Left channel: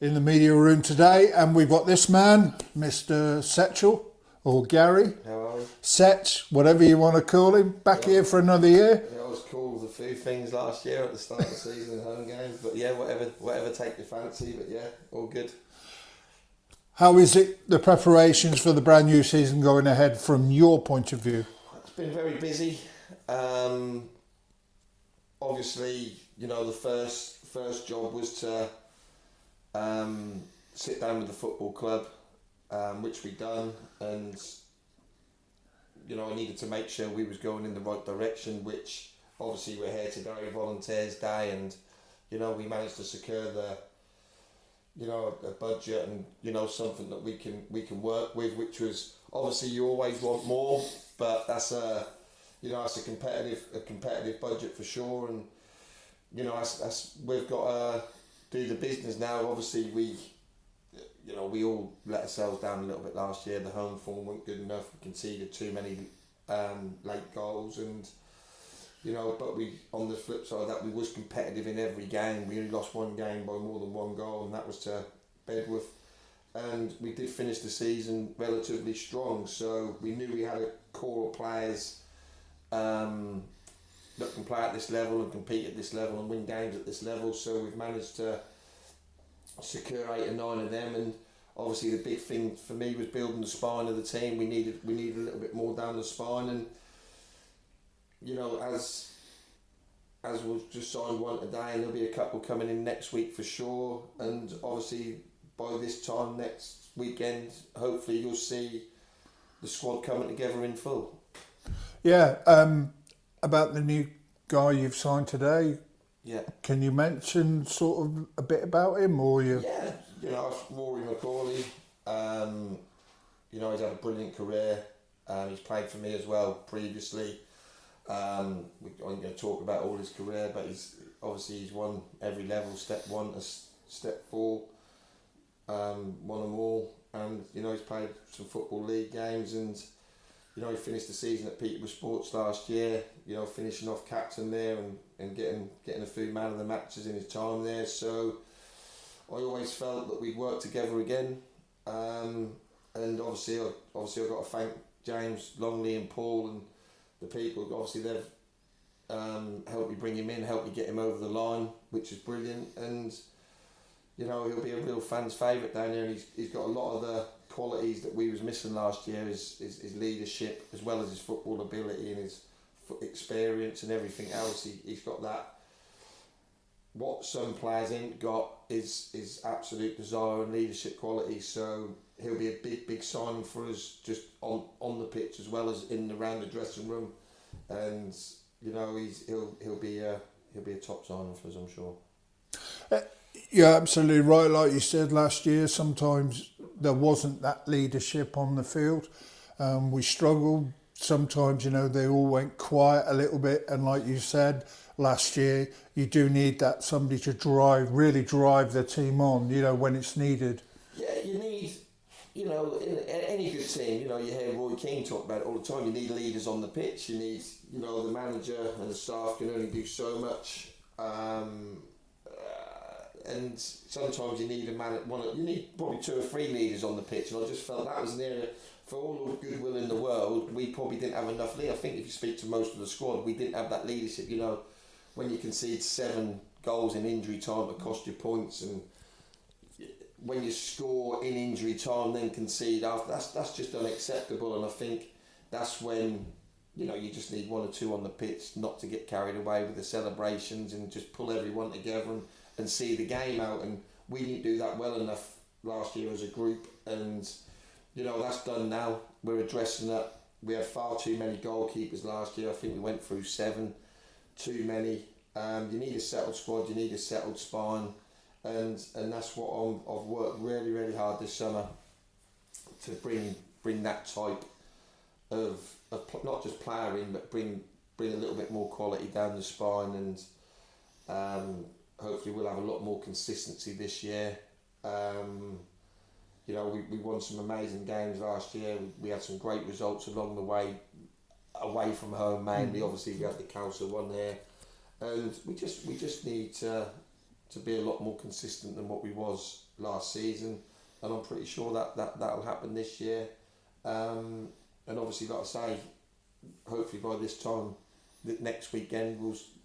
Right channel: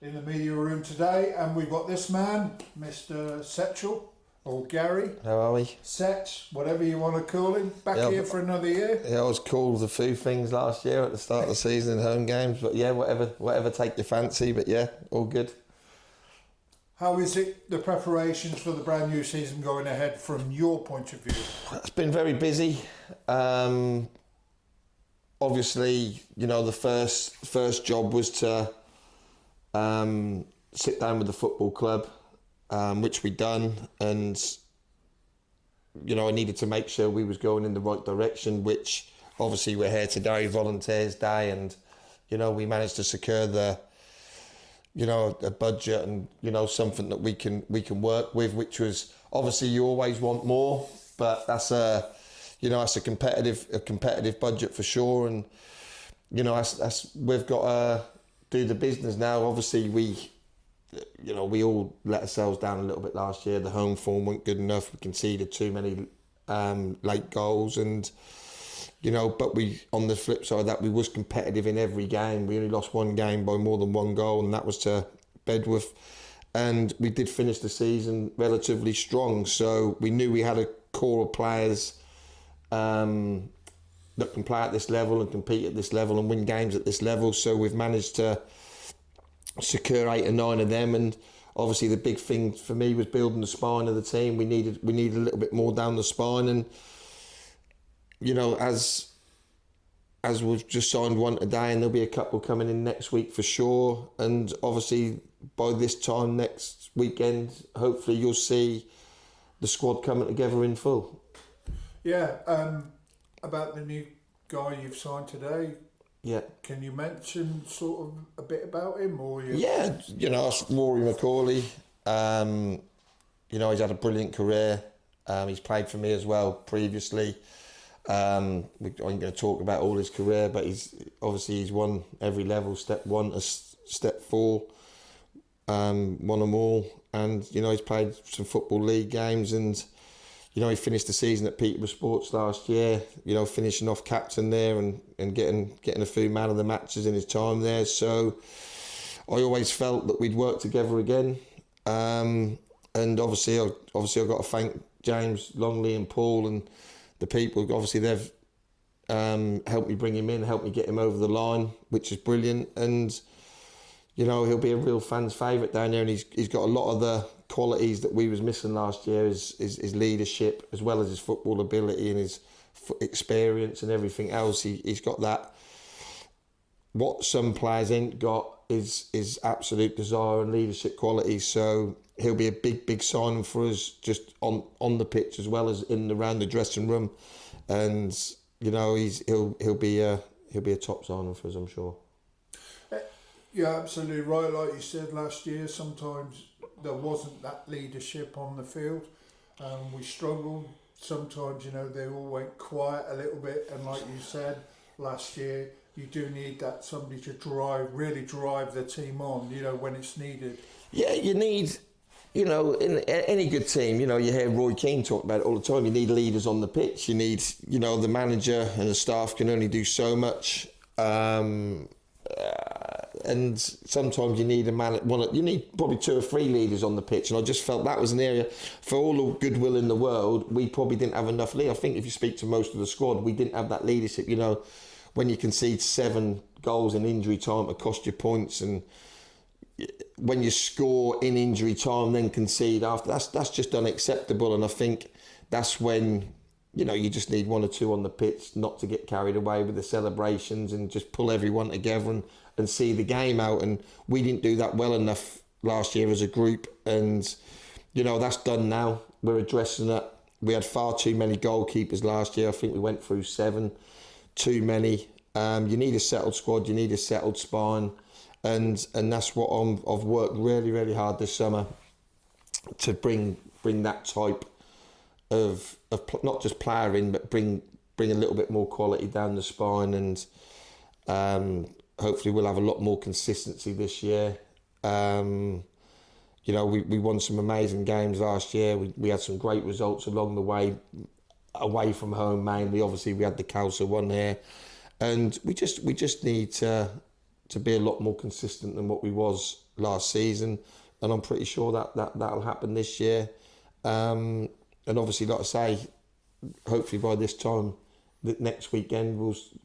in the media room today, and we've got this man, Mr. Setchell, or Gary. How are we? Setch, whatever you want to call him, back here for another year. Yeah, I was called a few things last year at the start of the season in home games, but yeah, whatever take your fancy, but yeah, all good. How is it, the preparations for the brand new season going ahead from your point of view? It's been very busy. Obviously, you know, the first job was to sit down with the football club, which we done, and you know, I needed to make sure we was going in the right direction, which obviously we're here today, Volunteers Day, and you know, we managed to secure a budget and, you know, something that we can work with, which was, obviously you always want more, but that's a competitive budget for sure, and you know, that's we've got to do the business now. Obviously we all let ourselves down a little bit last year. The home form weren't good enough. We conceded too many late goals, and you know, but we, on the flip side of that, we was competitive in every game. We only lost one game by more than one goal, and that was to Bedworth. And we did finish the season relatively strong. So we knew we had a core of players that can play at this level and compete at this level and win games at this level. So we've managed to secure 8 or 9 of them. And obviously the big thing for me was building the spine of the team. We needed a little bit more down the spine, and you know, as we've just signed one today, and there'll be a couple coming in next week for sure. And obviously by this time next weekend, hopefully you'll see the squad coming together in full. Yeah, about the new guy you've signed today. Yeah. Can you mention sort of a bit about him, or you? Yeah, you know, it's Rory McCauley. You know, he's had a brilliant career. He's played for me as well previously. I'm going to talk about all his career, but he's won every level, step 1 to step 4, won them all, and you know, he's played some football league games, and you know, he finished the season at Peterborough Sports last year, you know, finishing off captain there and getting a few man of the matches in his time there. So I always felt that we'd work together again, and obviously I've got to thank James Longley and Paul and the people. Obviously they've helped me bring him in, helped me get him over the line, which is brilliant. And you know, he'll be a real fan's favourite down there, and he's got a lot of the qualities that we was missing last year, his leadership as well as his football ability and his experience and everything else. He's got that. What some players ain't got is absolute desire and leadership qualities. So he'll be a big signing for us, just on the pitch as well as in and around the dressing room. And you know, he'll be a top signing for us, I'm sure. You're absolutely right. Like you said last year, sometimes there wasn't that leadership on the field. We struggled. Sometimes, you know, they all went quiet a little bit. And like you said, last year, you do need that somebody to really drive the team on, you know, when it's needed. Yeah, you need, you know, in any good team, you know, you hear Roy Keane talk about it all the time. You need leaders on the pitch. You need, you know, the manager and the staff can only do so much. And sometimes you need you need probably 2 or 3 leaders on the pitch, and I just felt that was an area, for all the goodwill in the world, we probably didn't have enough lead. I think if you speak to most of the squad, we didn't have that leadership. You know, when you concede 7 goals in injury time to cost you points, and when you score in injury time then concede after, that's just unacceptable. And I think that's when, you know, you just need 1 or 2 on the pitch not to get carried away with the celebrations and just pull everyone together and see the game out. And we didn't do that well enough last year as a group, and you know, that's done now. We're addressing that. We had far too many goalkeepers last year. I think we went through 7, too many. You need a settled squad, you need a settled spine, and that's what I've worked really hard this summer to bring that type of not just player in, but bring a little bit more quality down the spine. And hopefully we'll have a lot more consistency this year. You know, we won some amazing games last year. We had some great results along the way, away from home mainly. Obviously we had the Calcer one here, and we just need to be a lot more consistent than what we was last season, and I'm pretty sure that'll happen this year. And obviously, like I say, hopefully by this time, next weekend,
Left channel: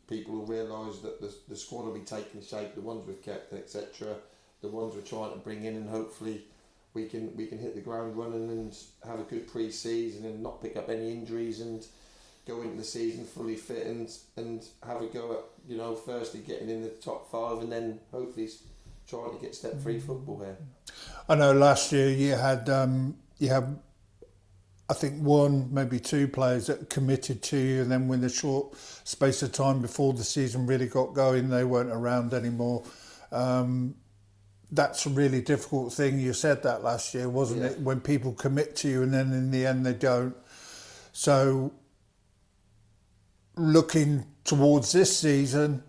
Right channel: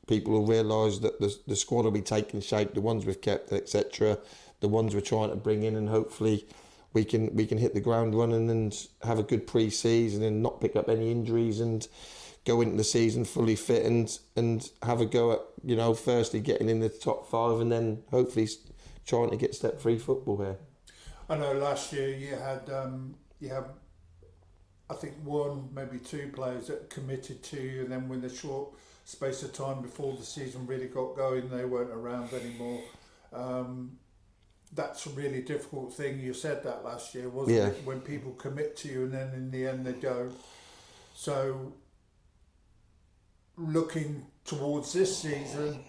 people will realise that the squad will be taking shape, the ones we've kept, etc., the ones we're trying to bring in, and hopefully we can hit the ground running and have a good pre-season and not pick up any injuries and go into the season fully fit and have a go at, firstly getting in the top 5 and then hopefully trying to get step-free football here. I know last year you had I think 1, maybe 2 players that committed to you, and then when the short space of time before the season really got going, they weren't around anymore. That's a really difficult thing. You said that last year, wasn't it? When people commit to you and then in the end they don't. So looking towards this season,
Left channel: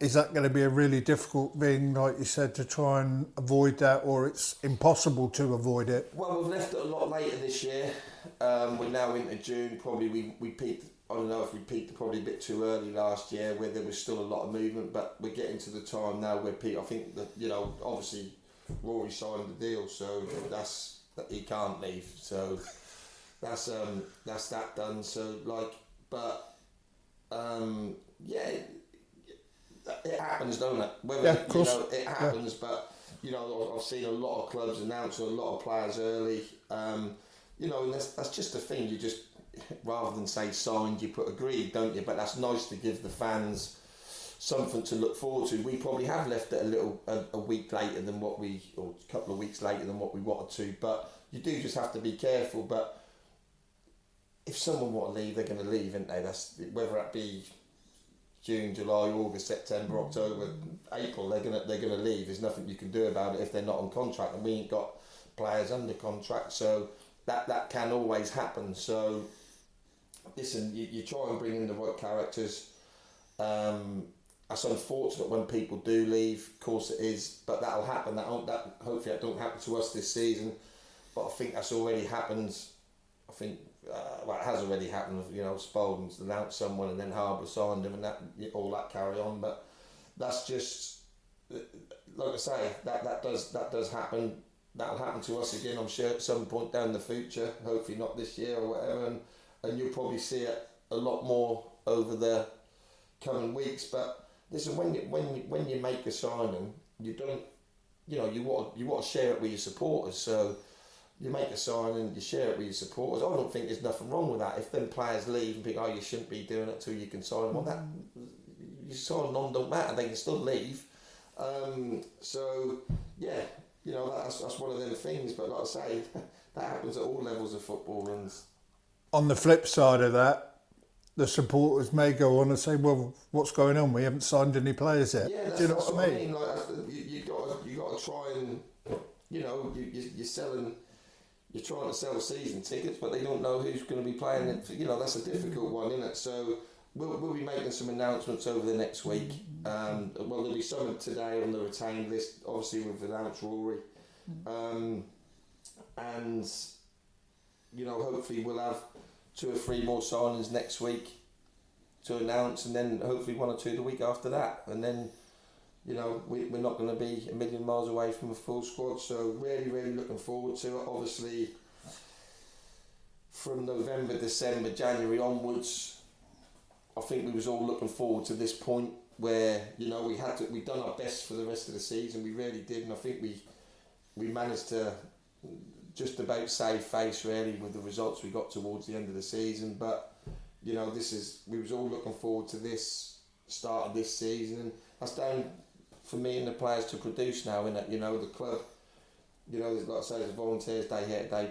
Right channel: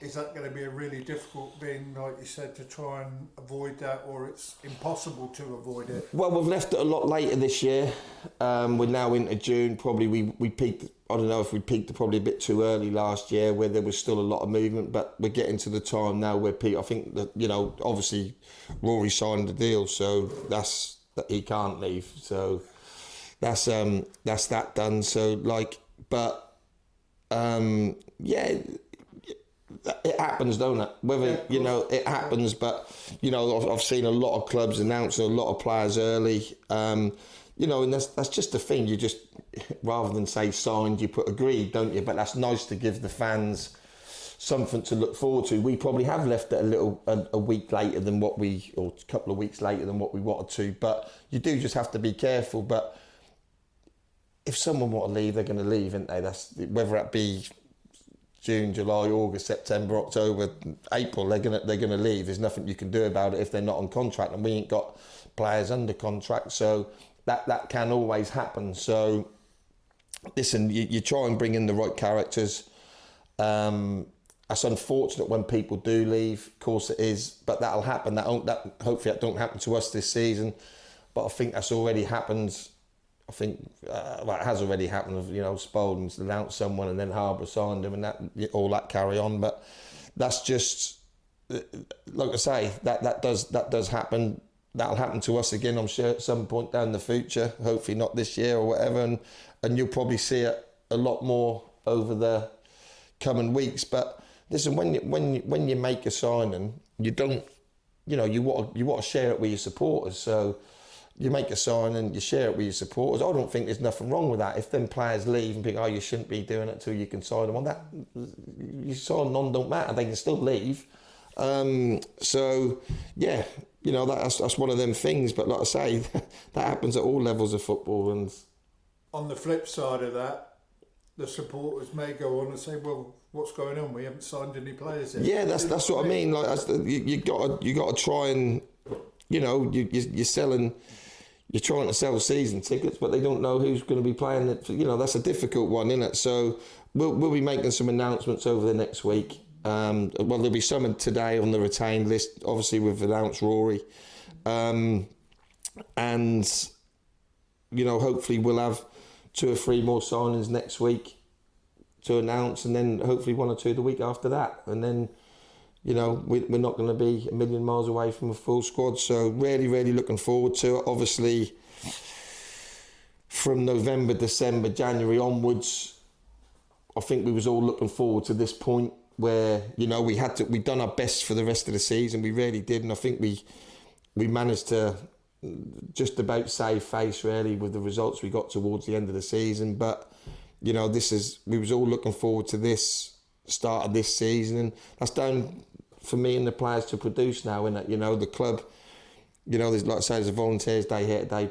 is that going to be a really difficult thing, like you said, to try and avoid that, or it's impossible to avoid it? Well, we've left it a lot later this year. We're now into June. Probably we peaked, I don't know if we peaked probably a bit too early last year where there was still a lot of movement, but we're getting to the time now where I think that, obviously Rory signed the deal, so that's that he can't leave. So that's that done. So it happens, don't it? Whether it happens, but I've seen a lot of clubs announcing a lot of players early. And that's just the thing. You just, rather than say signed, you put agreed, don't you? But that's nice to give the fans something to look forward to. We probably have left it a week later than or a couple of weeks later than what we wanted to. But you do just have to be careful. But if someone want to leave, they're going to leave, aren't they? That's whether it be June, July, August, September, October, April, they're gonna leave. There's nothing you can do about it if they're not on contract, and we ain't got players under contract, so that can always happen. So listen, you try and bring in the right characters. That's unfortunate when people do leave, of course it is, but that'll happen. Hopefully that don't happen to us this season, but I think that's already happened. I think it has already happened. Spalding's announced someone and then Harbour signed him, and that carry on. But that's just, like I say, that does happen. That'll happen to us again, I'm sure, at some point down the future. Hopefully not this year or whatever, and you'll probably see it a lot more over the coming weeks. But listen, when you make a signing, you don't, you want to share it with your supporters. So you make a sign and you share it with your supporters. I don't think there's nothing wrong with that. If then players leave and think, you shouldn't be doing it till you can sign them on, that you sign them on don't matter. They can still leave. So yeah, that's one of them things. But like I say, that happens at all levels of football. And on the flip side of that, the supporters may go on and say, "Well, what's going on? We haven't signed any players yet." Yeah, that's what I mean. Like you got to try and you're selling. You're trying to sell season tickets, but they don't know who's going to be playing it. That's a difficult one, isn't it? So we'll be making some announcements over the next week. There'll be some today on the retained list. Obviously, we've announced Rory, and hopefully we'll have 2 or 3 more signings next week to announce, and then hopefully 1 or 2 the week after that, and then. We're not going to be a million miles away from a full squad. So really, really looking forward to it. Obviously, from November, December, January onwards, I think we was all looking forward to this point where, we'd done our best for the rest of the season. We really did. And I think we managed to just about save face, really, with the results we got towards the end of the season. But, we was all looking forward to this start of this season. And that's down for me and the players to produce now, innit? The club, there's, like I say, there's a volunteers day here today,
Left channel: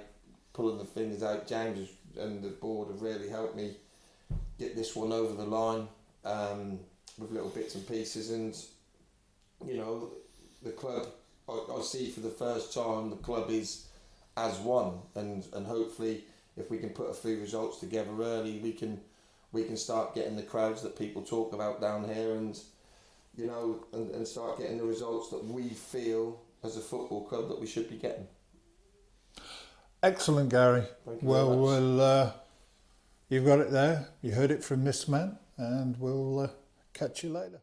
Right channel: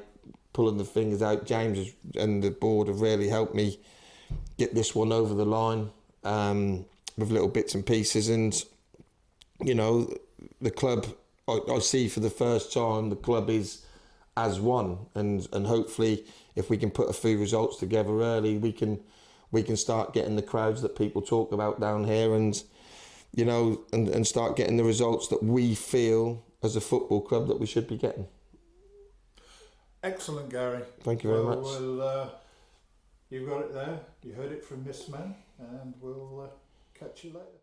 pulling the fingers out. James and the board have really helped me get this one over the line with little bits and pieces. And, the club, I see for the first time, the club is as one. And hopefully, if we can put a few results together early, we can start getting the crowds that people talk about down here, and and start getting the results that we feel as a football club that we should be getting. Excellent, Gary. Thank you very much. Well, you've got it there. You heard it from this man, and we'll catch you later.